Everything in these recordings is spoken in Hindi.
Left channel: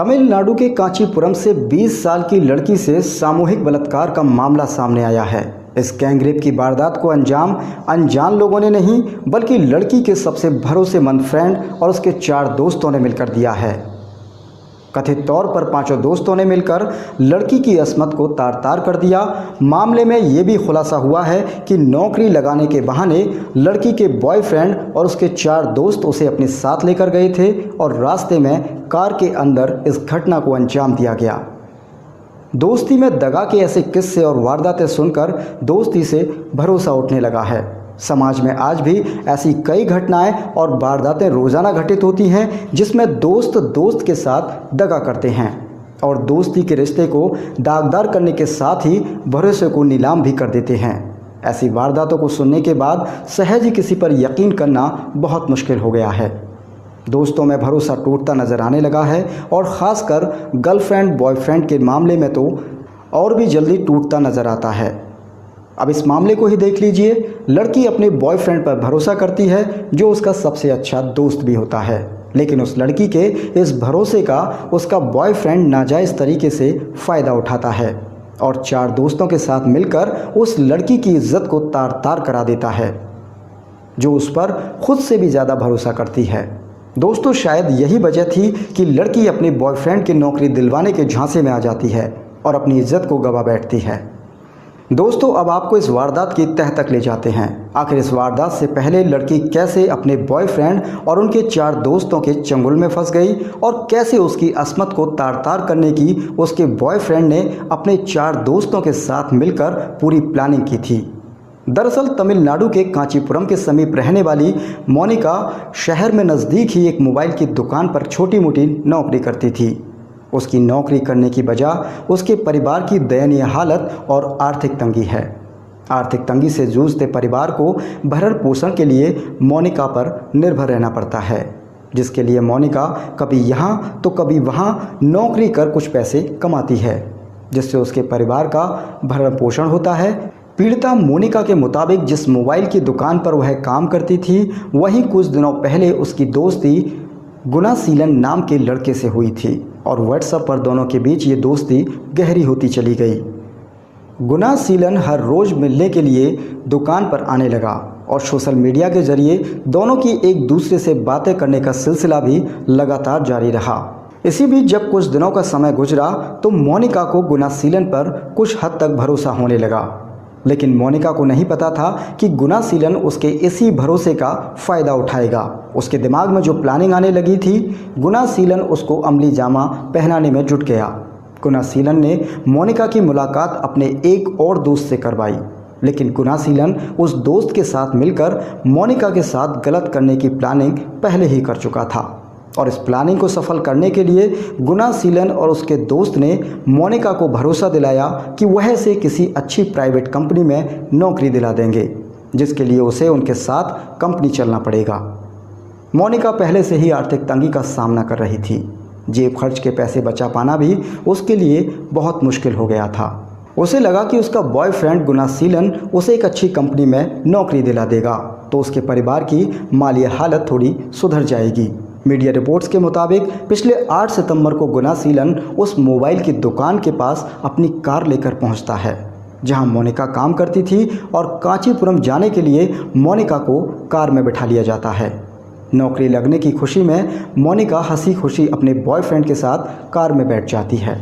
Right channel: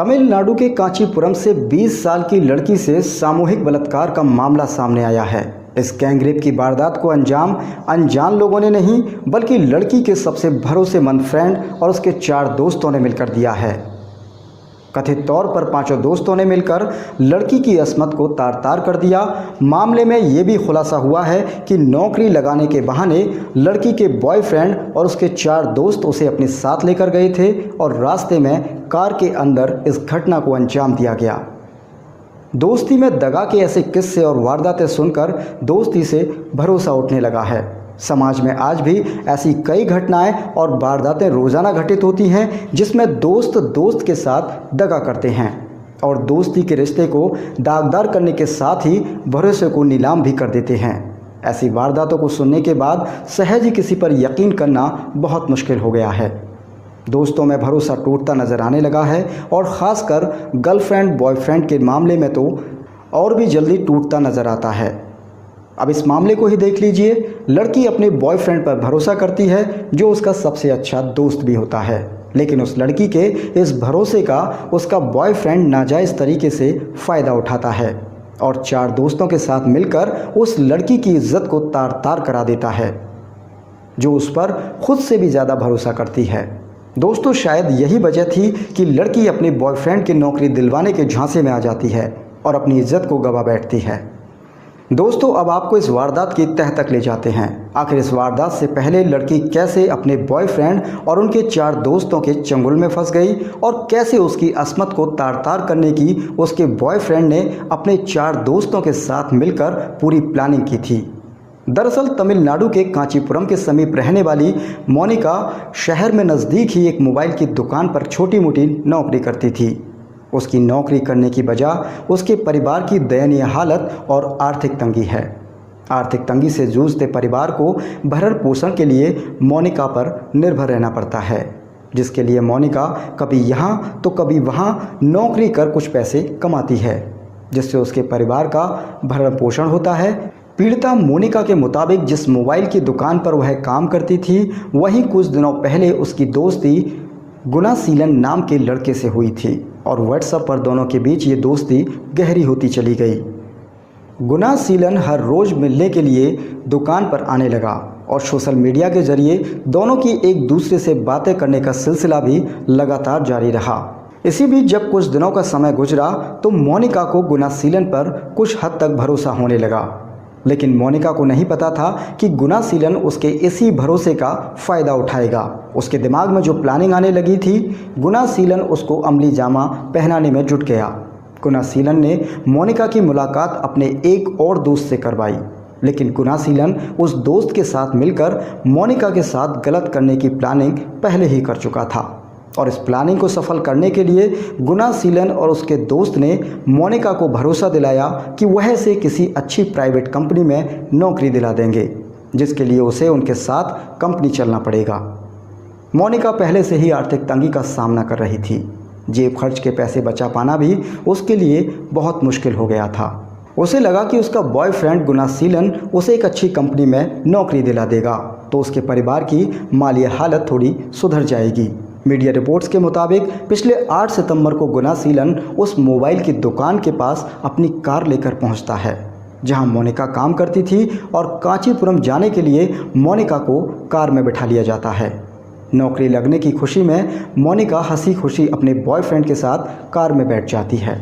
तमिलनाडु के कांचीपुरम से 20 साल की लड़की से सामूहिक बलात्कार का मामला सामने आया है। इस गैंगरेप की वारदात को अंजाम अनजान लोगों ने नहीं बल्कि लड़की के सबसे भरोसेमंद फ्रेंड और उसके 4 दोस्तों ने मिलकर दिया है। कथित तौर पर 5 दोस्तों ने मिलकर लड़की की अस्मत को तार तार कर दिया। मामले में ये भी खुलासा हुआ है कि नौकरी लगाने के बहाने लड़की के बॉयफ्रेंड और उसके 4 दोस्त उसे अपने साथ लेकर गए थे और रास्ते में कार के अंदर इस घटना को अंजाम दिया गया। दोस्ती में दगा के ऐसे किस्से और वारदातें सुनकर दोस्ती से भरोसा उठने लगा है। समाज में आज भी ऐसी कई घटनाएं और वारदातें रोजाना घटित होती हैं जिसमें दोस्त दोस्त के साथ दगा करते हैं और दोस्ती के रिश्ते को दागदार करने के साथ ही भरोसे को नीलाम भी कर देते हैं। ऐसी वारदातों को सुनने के बाद सहज ही किसी पर यकीन करना बहुत मुश्किल हो गया है। दोस्तों में भरोसा टूटता नजर आने लगा है और ख़ासकर गर्लफ्रेंड बॉयफ्रेंड के मामले में तो और भी जल्दी टूटता नजर आता है। अब इस मामले को ही देख लीजिए। लड़की अपने बॉयफ्रेंड पर भरोसा करती है जो उसका सबसे अच्छा दोस्त भी होता है, लेकिन उस लड़की के इस भरोसे का उसका बॉयफ्रेंड नाजायज़ तरीके से फ़ायदा उठाता है और 4 दोस्तों के साथ मिलकर उस लड़की की इज्जत को तार तार करा देता है जो उस पर खुद से भी ज़्यादा भरोसा करती है। दोस्तों, शायद यही वजह थी कि लड़की अपने बॉयफ्रेंड की नौकरी दिलवाने के झांसे में आ जाती है और अपनी इज्जत को गवा बैठती है। दोस्तों, अब आपको इस वारदात की तह तक ले जाते हैं। आखिर इस वारदात से पहले लड़की कैसे अपने बॉयफ्रेंड और उनके 4 दोस्तों के चंगुल में फंस गई और कैसे उसकी अस्मत को तार तार करने की उसके बॉयफ्रेंड ने अपने 4 दोस्तों के साथ मिलकर पूरी प्लानिंग की थी। दरअसल तमिलनाडु के कांचीपुरम के समीप रहने वाली मोनिका शहर में नज़दीक ही एक मोबाइल की दुकान पर छोटी मोटी नौकरी करती थी। उसकी नौकरी करने की वजह उसके परिवार की दयनीय हालत और आर्थिक तंगी है। आर्थिक तंगी से जूझते परिवार को भरण पोषण के लिए मोनिका पर निर्भर रहना पड़ता है, जिसके लिए मोनिका कभी यहाँ तो कभी वहाँ नौकरी कर कुछ पैसे कमाती है, जिससे उसके परिवार का भरण पोषण होता है। पीड़िता मोनिका के मुताबिक जिस मोबाइल की दुकान पर वह काम करती थी वहीं कुछ दिनों पहले उसकी दोस्ती गुनासीलन नाम के लड़के से हुई थी और व्हाट्सएप पर दोनों के बीच ये दोस्ती गहरी होती चली गई। गुनासीलन हर रोज़ मिलने के लिए दुकान पर आने लगा और सोशल मीडिया के जरिए दोनों की एक दूसरे से बातें करने का सिलसिला भी लगातार जारी रहा। इसी बीच जब कुछ दिनों का समय गुजरा तो मोनिका को गुनासीलन पर कुछ हद तक भरोसा होने लगा, लेकिन मोनिका को नहीं पता था कि गुनासीलन उसके इसी भरोसे का फ़ायदा उठाएगा। उसके दिमाग में जो प्लानिंग आने लगी थी, गुनासीलन उसको अमली जामा पहनाने में जुट गया। गुनासीलन ने मोनिका की मुलाकात अपने एक और दोस्त से करवाई, लेकिन गुनासीलन उस दोस्त के साथ मिलकर मोनिका के साथ गलत करने की प्लानिंग पहले ही कर चुका था और इस प्लानिंग को सफल करने के लिए गुनासीलन और उसके दोस्त ने मोनिका को भरोसा दिलाया कि वह इसे किसी अच्छी प्राइवेट कंपनी में नौकरी दिला देंगे, जिसके लिए उसे उनके साथ कंपनी चलना पड़ेगा। मोनिका पहले से ही आर्थिक तंगी का सामना कर रही थी। जेब खर्च के पैसे बचा पाना भी उसके लिए बहुत मुश्किल हो गया था। उसे लगा कि उसका बॉयफ्रेंड गुनासीलन उसे एक अच्छी कंपनी में नौकरी दिला देगा तो उसके परिवार की माली हालत थोड़ी सुधर जाएगी। मीडिया रिपोर्ट्स के मुताबिक पिछले 8 सितंबर को गुनासीलन उस मोबाइल की दुकान के पास अपनी कार लेकर पहुंचता है जहां मोनिका काम करती थी और कांचीपुरम जाने के लिए मोनिका को कार में बिठा लिया जाता है। नौकरी लगने की खुशी में मोनिका हंसी खुशी अपने बॉयफ्रेंड के साथ कार में बैठ जाती है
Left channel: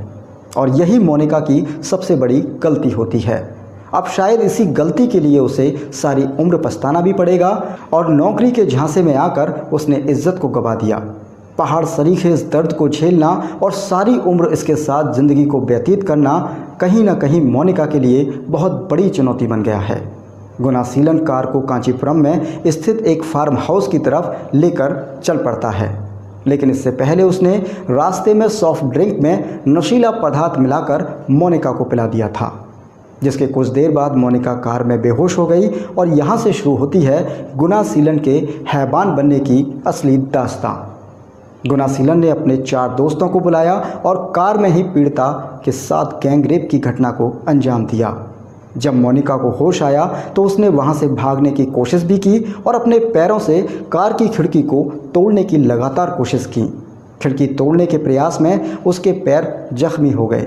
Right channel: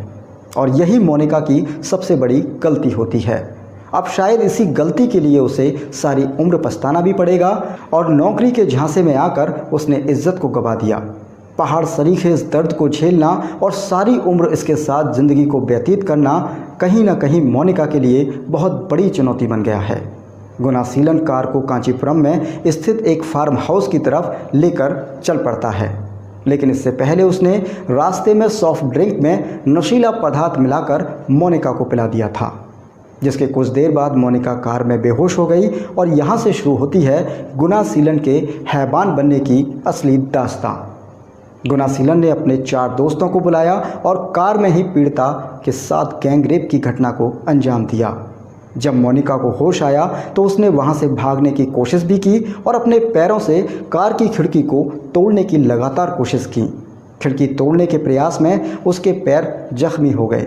और यही मोनिका की सबसे बड़ी गलती होती है। अब शायद इसी गलती के लिए उसे सारी उम्र पछताना भी पड़ेगा और नौकरी के झांसे में आकर उसने इज्जत को गवा दिया। पहाड़ सरीखे इस दर्द को झेलना और सारी उम्र इसके साथ ज़िंदगी को व्यतीत करना कहीं ना कहीं मोनिका के लिए बहुत बड़ी चुनौती बन गया है। गुनासीलन कार को कांचीपुरम में स्थित एक फार्म हाउस की तरफ लेकर चल पड़ता है, लेकिन इससे पहले उसने रास्ते में सॉफ्ट ड्रिंक में नशीला पदार्थ मिलाकर मोनिका को पिला दिया था, जिसके कुछ देर बाद मोनिका कार में बेहोश हो गई और यहाँ से शुरू होती है गुनासीलन के हैवान बनने की असली दास्तां। गुनासीलन ने अपने 4 दोस्तों को बुलाया और कार में ही पीड़िता के साथ गैंगरेप की घटना को अंजाम दिया। जब मोनिका को होश आया तो उसने वहां से भागने की कोशिश भी की और अपने पैरों से कार की खिड़की को तोड़ने की लगातार कोशिश की, खिड़की तोड़ने के प्रयास में उसके पैर जख्मी हो गए।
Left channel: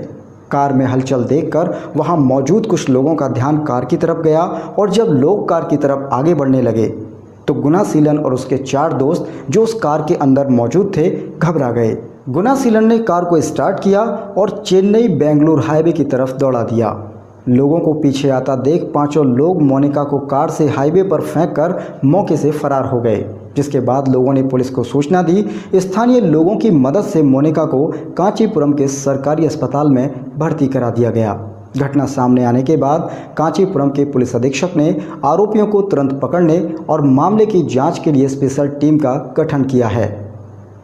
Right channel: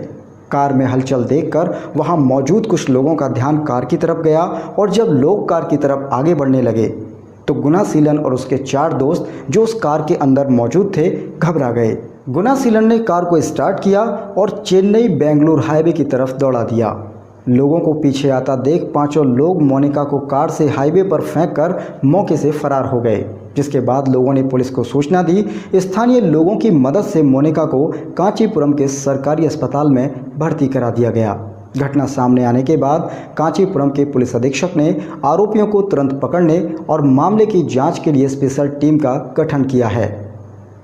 कार में हलचल देखकर वहां मौजूद कुछ लोगों का ध्यान कार की तरफ गया और जब लोग कार की तरफ आगे बढ़ने लगे तो गुनासीलन और उसके 4 दोस्त जो उस कार के अंदर मौजूद थे घबरा गए। गुनासीलन ने कार को स्टार्ट किया और चेन्नई बेंगलुरु हाईवे की तरफ दौड़ा दिया। लोगों को पीछे आता देख पांचों लोग मोनिका को कार से हाईवे पर फेंककर मौके से फरार हो गए, जिसके बाद लोगों ने पुलिस को सूचना दी। स्थानीय लोगों की मदद से मोनिका को कांचीपुरम के सरकारी अस्पताल में भर्ती करा दिया गया। घटना सामने आने के बाद कांचीपुरम के पुलिस अधीक्षक ने आरोपियों को तुरंत पकड़ने और मामले की जांच के लिए स्पेशल टीम का गठन किया है।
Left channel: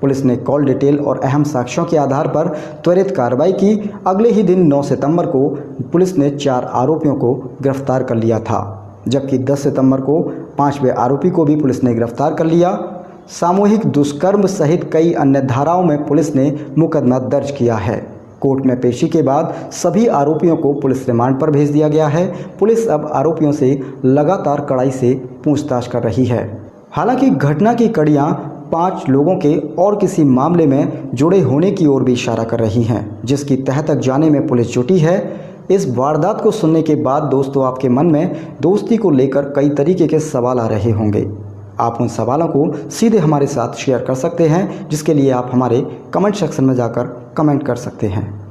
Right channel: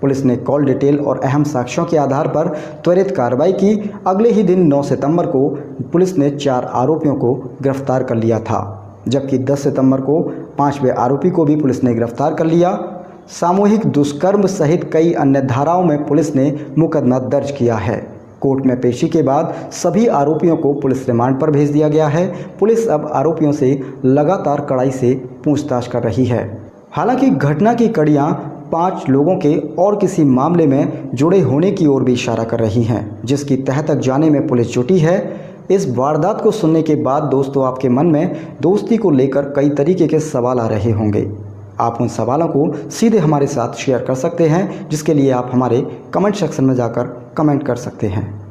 पुलिस ने कॉल डिटेल और अहम साक्ष्यों के आधार पर त्वरित कार्रवाई की। अगले ही दिन 9 सितंबर को पुलिस ने 4 आरोपियों को गिरफ्तार कर लिया था, जबकि 10 सितंबर को 5वें आरोपी को भी पुलिस ने गिरफ्तार कर लिया। सामूहिक दुष्कर्म सहित कई अन्य धाराओं में पुलिस ने मुकदमा दर्ज किया है। कोर्ट में पेशी के बाद सभी आरोपियों को पुलिस रिमांड पर भेज दिया गया है। पुलिस अब आरोपियों से लगातार कड़ाई से पूछताछ कर रही है। हालांकि घटना की कड़ियां 5 लोगों के और किसी मामले में जुड़े होने की ओर भी इशारा कर रही हैं, जिसकी तह तक जाने में पुलिस जुटी है। इस वारदात को सुनने के बाद दोस्तों आपके मन में दोस्ती को लेकर कई तरीके के सवाल आ रहे होंगे। आप उन सवालों को सीधे हमारे साथ शेयर कर सकते हैं, जिसके लिए आप हमारे कमेंट सेक्शन में जाकर कमेंट कर सकते हैं।